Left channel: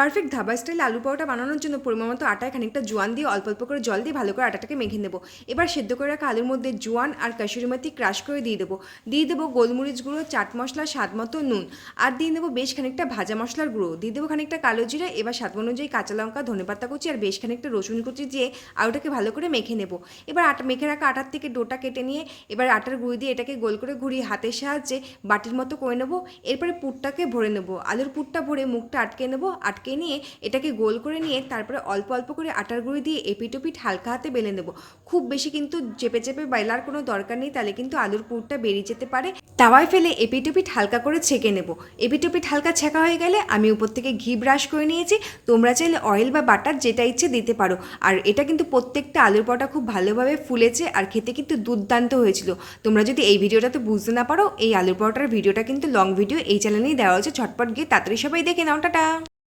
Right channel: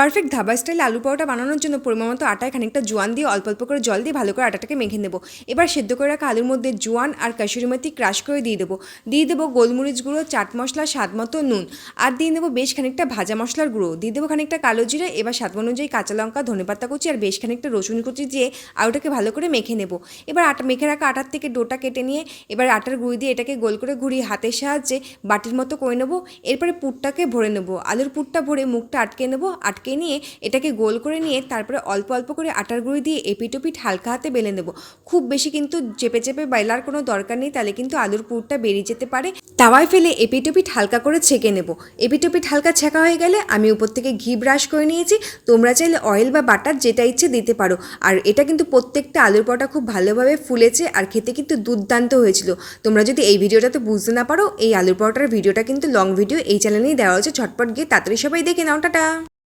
Perfect dhaba স্টাইলে আলু পরোটা বানানোর জন্য পরিমাণ মতো আটায় খানিকটা জোয়ান দিয়ে অল্প অল্প করে জল দিয়ে ভালো করে আটাটাকে মেখে নেব। এবার সেদ্ধ করে রাখা আলুর মধ্যে জোয়ান আর কাসুরি মেথি ক্রাশ করে দিয়ে দেবো গোলমরিচ গুঁড়ো, চাট মশলা, স্বাদ মতো নুন, আর দিয়ে দেবো বেশ খানিকটা ভাজা মশলার গুঁড়ো, দিয়ে দেবো খানিকটা কালো জিরে, এবার স্বাদ অনুযায়ী কাঁচা লঙ্কা, ধনেপাতা কুচি আর বেশ খানিকটা রসুন কুচি দিয়ে আলুটাকে ভালো করে মেখে নেব। এবার মেখে রাখা আটার থেকে ডোটা কেটে নিয়ে এবার আটার গুঁড়ি দিয়ে এটাকে গোল করে ঘুরিয়ে হাতের সাহায্যে বাটির মতো করে নেবো। এরপরে পুরটাকে ভরে নেব, আলুর পুরটা ভরে মুখটা আটকে নেব। আটকে নিয়ে এটাকে গোল করে নিয়ে তারপরে অল্প অল্প করে আটার গুঁড়ি দিয়ে এপিট ওপিট হালকা হাতে বেলে নেব। খুব বেশি কিন্তু চেপে চেপে বেলার কোনো দরকার নেই, তাহলে কিন্তু আলুর পুরটা বেরিয়ে যেতে পারে। তাওয়ায় ফেলে এপিট ওপিট হালকা করে ছেঁকে নেব। এপিট ওপিট হালকা ছেঁকা হয়ে গেলে আমি উপর থেকে ঘি ব্রাশ করে নিয়েছি। তোমরা চাইলে অয়েল বা বাটার যেটা ইচ্ছে দিতে পারো। আর এটা কিন্তু প্রত্যেকটা আলুর পরোটা খুব ভালোভাবে ফুলেছে আর খেতে কিন্তু দুর্দান্ত হয়েছিল। তোমরা যদি এই ভিডিওটাতে বুঝতে না পারো, এই আলুর পরোটার ভিডিওটা কিন্তু লং ভিডিও এই চ্যানেলেই দেওয়া হচ্ছে, ঝটপট গিয়ে তাড়াতাড়ি সবাই দেখে নাও। টাটা।